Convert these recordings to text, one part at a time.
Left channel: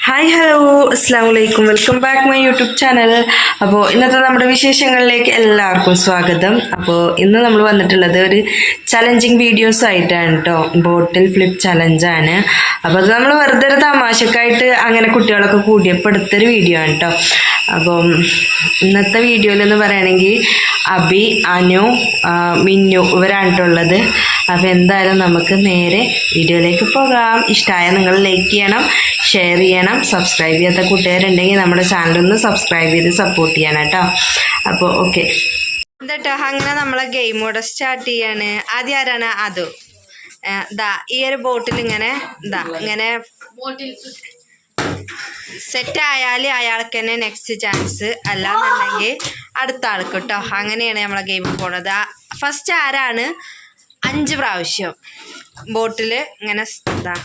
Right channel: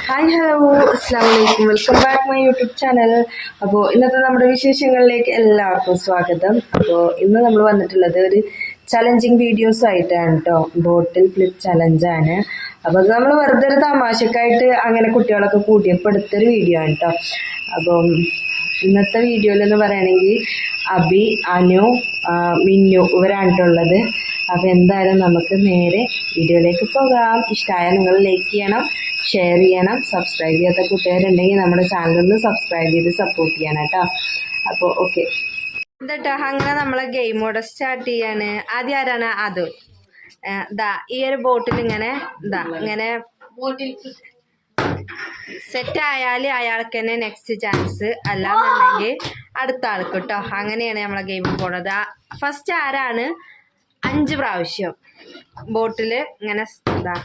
Hi hello അസ്സാം വലൈക്കും welcome back my YouTube channel അപ്പോൾ ഇന്നത്തെ നമ്മുടെ വിശേഷങ്ങളിലേക്ക് എല്ലാവർക്കും സ്വാഗതം. അപ്പോൾ ഇന്ന് നമ്മൾ വന്നിട്ടുള്ളത് ഒരു ചലഞ്ചിങ് വീഡിയോസ് ആയിട്ടാണ് കേട്ടോ ബോട്ടിൽ ഫ്ലിപ്പ് ചലഞ്ചാണ് അപ്പോൾ അത് നമ്മൾ വെറുതെ ഒരു തമാശക്കായിട്ട് അങ്ങനെ കുട്ടികളൊക്കെ കൂടിയപ്പോൾ എടുത്തൊരു വീഡിയോ ആണ് കേട്ടോ അപ്പം ഇന്നത്തെ വീഡിയോയിലെന്ന് പറയുകയാണെങ്കിൽ അബി അനു മിന്നു ഇവരാണിട്ടുള്ളത് അപ്പോൾ എന്തായാലും നമുക്ക് നേരെ വീഡിയോയിലേക്ക് പോകാം. ഇഷ്ടമായ നിങ്ങൾ ലൈക്ക് ചെയ്യണം. ഷെയർ ചെയ്യണം. സബ്സ്ക്രൈബ് ചെയ്യാത്ത കൂട്ടുകാരുണ്ടെങ്കിൽ നമ്മുടെ ചാനലൊന്ന് സബ്സ്ക്രൈബ് ചെയ്ത് സപ്പോർട്ട് ചെയ്യണം കേട്ടോ. അപ്പോൾ ഓക്കെ എന്താട്ടോ അങ്ങനെ നമ്മളെ ഗെയിം കൂടെ സ്റ്റാർട്ട് ചെയ്യാണ്. ആദ്യം ആരാണ്? അത്. ഇതാ ഈ ഒരു ബോട്ടിൽ ഇങ്ങനെ ഇതാ ഇങ്ങനെ സെറ്റ് ആയാൽ അയാൾക്ക് തന്നെ നെക്സ്റ്റ് ചാൻസ് അല്ലാന്നുണ്ടെങ്കിൽ അടുത്ത ആൾക്ക് കേട്ടോ അങ്ങനെയാണ് നമ്മളെ ഗെയിം പോണത്. ഫസ്റ്റ് ആരാണ്? അഞ്ച് പ്രാവശ്യം ബോട്ടിൽ ഇങ്ങനെ ഇതാ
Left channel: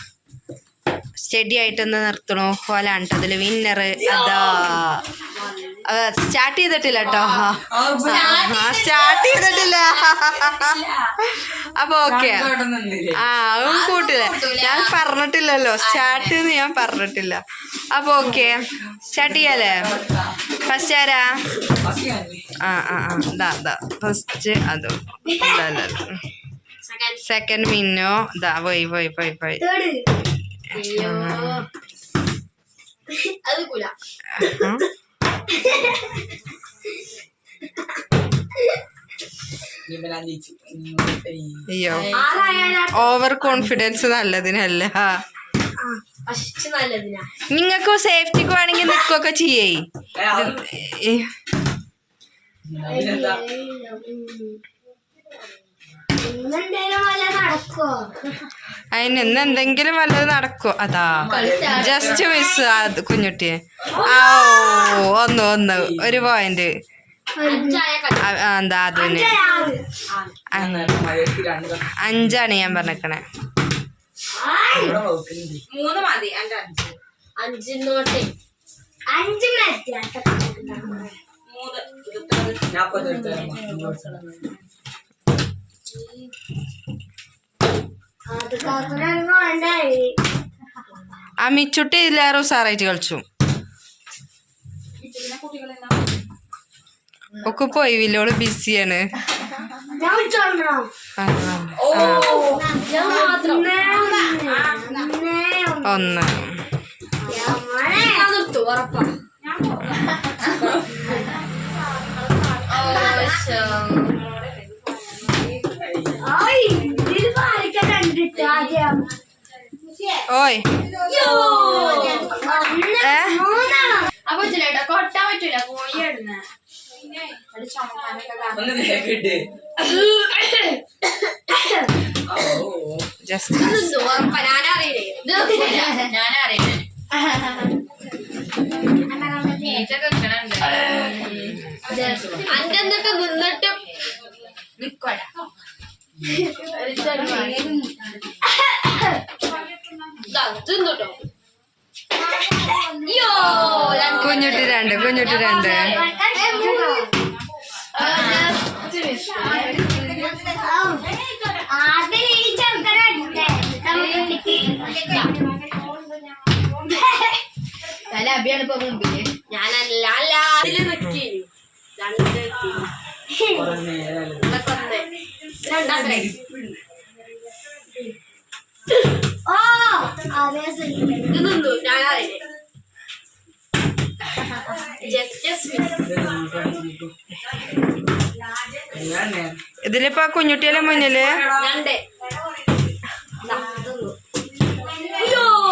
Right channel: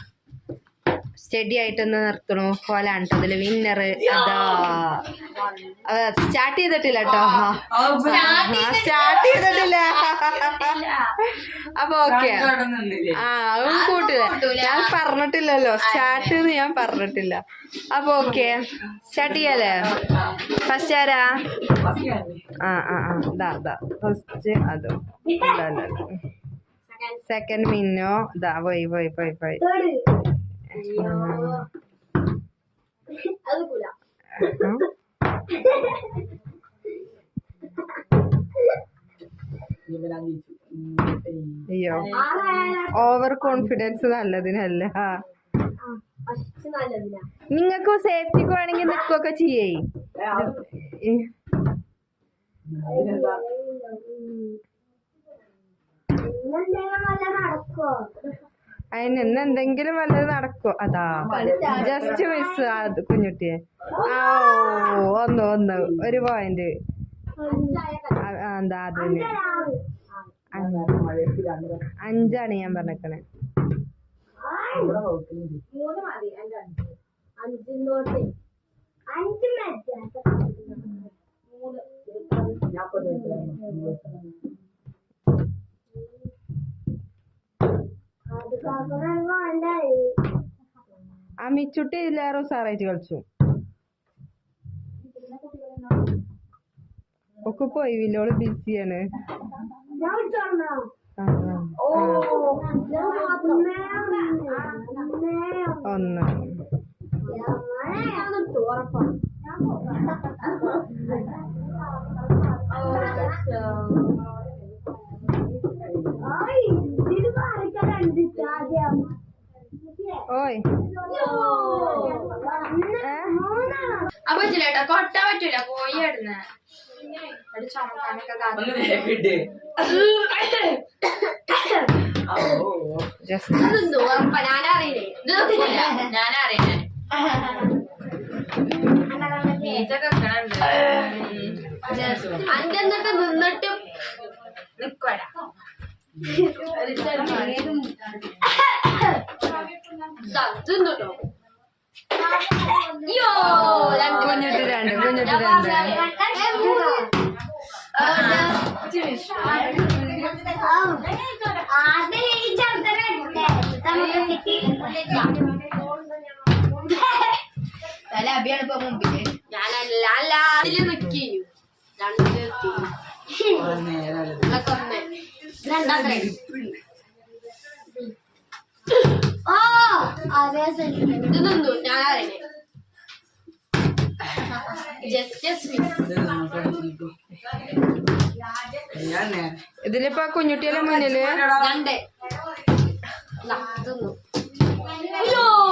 സ്റ്റഡി ആയിട്ടൊന്ന് നിർത്തണു. കേട്ടോ അതിൽ വിന്നർ അതാ. സ്റ്റാർട്ട് ചെയ്തിട്ടില്ല കേട്ടോ സ്റ്റാർട്ട് ചെയ്തിട്ടില്ല. അപ്പൊ ഓക്കെ. ആ അതും കൂട്ടില്ല ഞാൻ പറഞ്ഞിട്ടില്ലല്ലോ. സ്റ്റാർട്ട് എന്ന് ഞാൻ പറഞ്ഞിട്ടില്ല. അപ്പൊ ഓക്കെ. സ്റ്റാർട്ട് ചെയ്യാലേ? ഫസ്റ്റ് ആരാ? ആ ആ ആ. ദാ ദാ. ഫസ്റ്റ് അതും. സെക്കൻഡ് മിന്നോ ഇതാ പോയി പോയി പോയി പോയി. അയ്യോ ഓവർ കോൺഫിഡൻസ് നല്ലതിനല്ല നിങ്ങൾക്ക് സേഫ്റ്റിക്ക് വേണമെങ്കിൽ നിൽക്കുകയൊക്കെ ചെയ്യേ ഈ- അതിന് ഇന്ന് എന്തെങ്കിലും വല്ലത് നടക്കോ. അതാ. ജസ്റ്റ് മിസ് അത് കുഞ്ഞുട്ടിയെ. ആ ഓ ഒന്ന് ഒന്ന് ഒരു പോയിന്റ് എന്താ അതിന് അഞ്ചാണ് ഞാൻ പറഞ്ഞേക്കണേ. അഞ്ചിനോട്ട് അഞ്ച് മിനിറ്റ് അത് കാക്കനൊന്നും വേണ്ടായി ആ മിച്ചുട്ടി ഇതിലേറെ ഉസാറായിട്ട് കളിച്ചു. ഒക്കെ പോയി വില്ലോൾ ബിസിയാണ്. ഞാൻ വിളിച്ചോളണോ ഞാൻ മാത്രം ഒന്ന് ഉറപ്പാ ഓയ്. അപ്പൊ പറ്റില്ല കൊട്ടാൻ പറ്റൂല. പോയി ഇടുന്ന അന്റെ എന്നിട്ട് നിന്നിട്ട് നിക്കോട. തിന്നോട്ടോ കുഞ്ഞുട്ടി രണ്ട് കുഞ്ഞുട്ടി രണ്ട്. നല്ല അഭിയാണ് ഇപ്പൊ മുമ്പിൽ. ഞാനല്ല അല്ല. അതിൽ നിക്കി. രണ്ട് നിക്കി. ഇതിലിപ്പോ ആ കുഞ്ഞുട്ടിയല്ലേ മുന്നിൽ?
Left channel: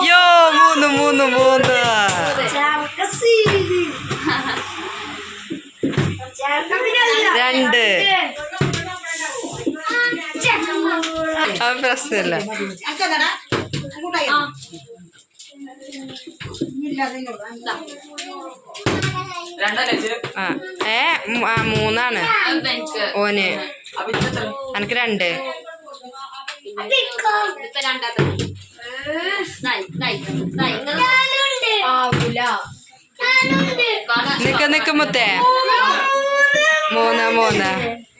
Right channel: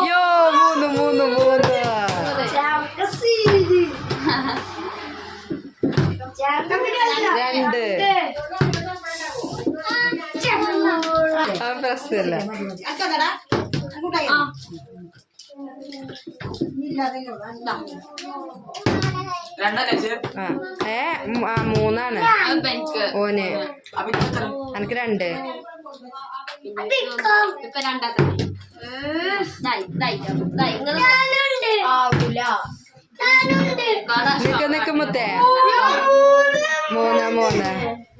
യോ മൂന്ന് മൂന്ന് മൂന്ന്. രണ്ട്. ആ പ്രശ്നമില്ല. ഏ മൂന്നാണ്. ഓന്. എനിക്ക് രണ്ട്. നിക്ക നിക്ക് മുത്തേ. മൂന്ന് മൂന്ന്.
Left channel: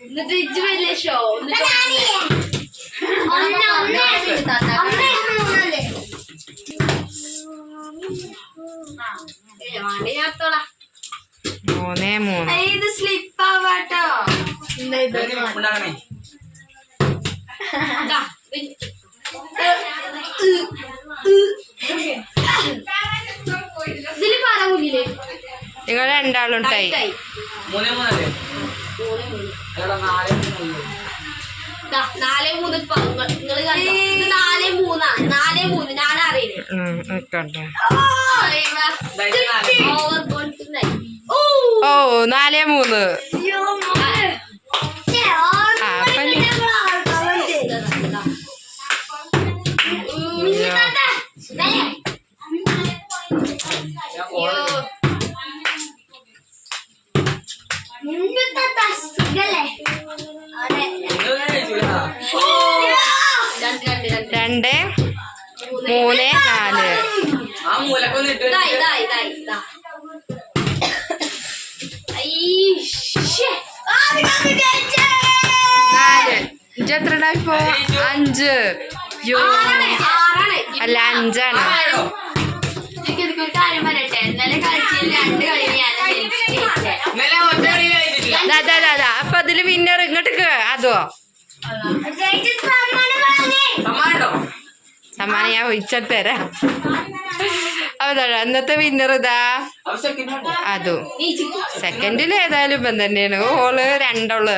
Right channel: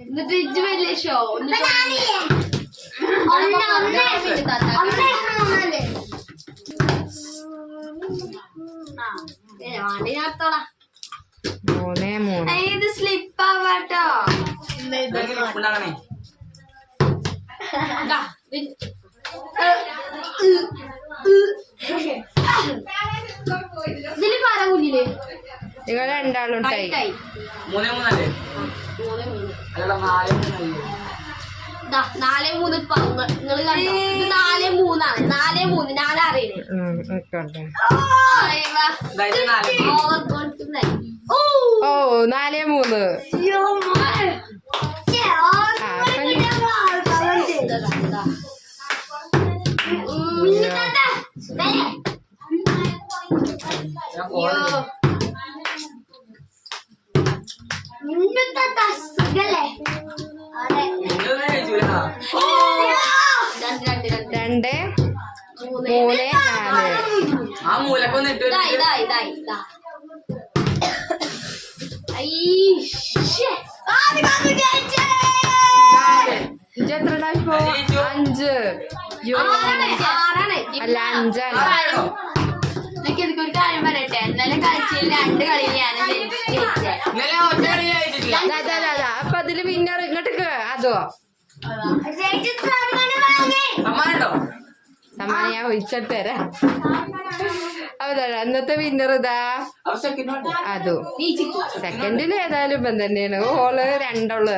എന്നിട്ട് ഇജ്ജ് വലിയ ഷോ. ഒന്ന് വേണ്ടി മൂന്നേ മൂന്ന്. ഇത് സ്ലിപ്പ് ആവാട്ടോ ഇതിൽ നിങ്ങൾ രണ്ടാളും ടൈ നാലേ മൂന്ന് നിങ്ങൾ കണ്ടോ? ഇത് നാലേ മൂന്നാണ് നാലേ മൂന്ന്. ഞാൻ അറിയില്ലേ നിക്കട്ടെ നിങ്ങളിങ്ങനെ മൂന്ന്. രണ്ട് മൂന്ന് നാല്. ആ മൂലക്കൊന്ന് ഇപ്പോ? അഞ്ച്. അല്ല അഞ്ചാണ്. ഒരു കാര്യം പറയട്ടെ? ഇന്നലെ കളിച്ചതിൽ രണ്ട് കളി ഞാൻ. അപ്പൊ അതിൽ വിന്നർ ഇങ്ങോട്ട് അതോ? സമ്മാനം ഞാൻ ഒഴിച്ചിട്ട് തരാം അന്നത്തെ വിന്നർ ഇതാ. അതും. സെക്കൻഡിൽ ഏതായാലും ഇപ്പം തന്നെയാണ്. ഓൾ രണ്ടോൾ.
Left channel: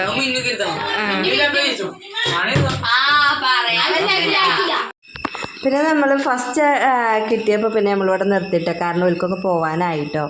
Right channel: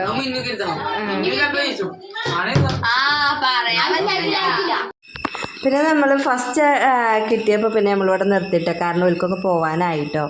പിന്നെ നമ്മൾ ഫസ്റ്റ് കിട്ടിയപ്പോൾ പിന്നെ നമ്മളിവിടെ നിർത്തിയിട്ടോ. കാരണം ഒരിക്കൊക്കെ പോവാനായിട്ടോ.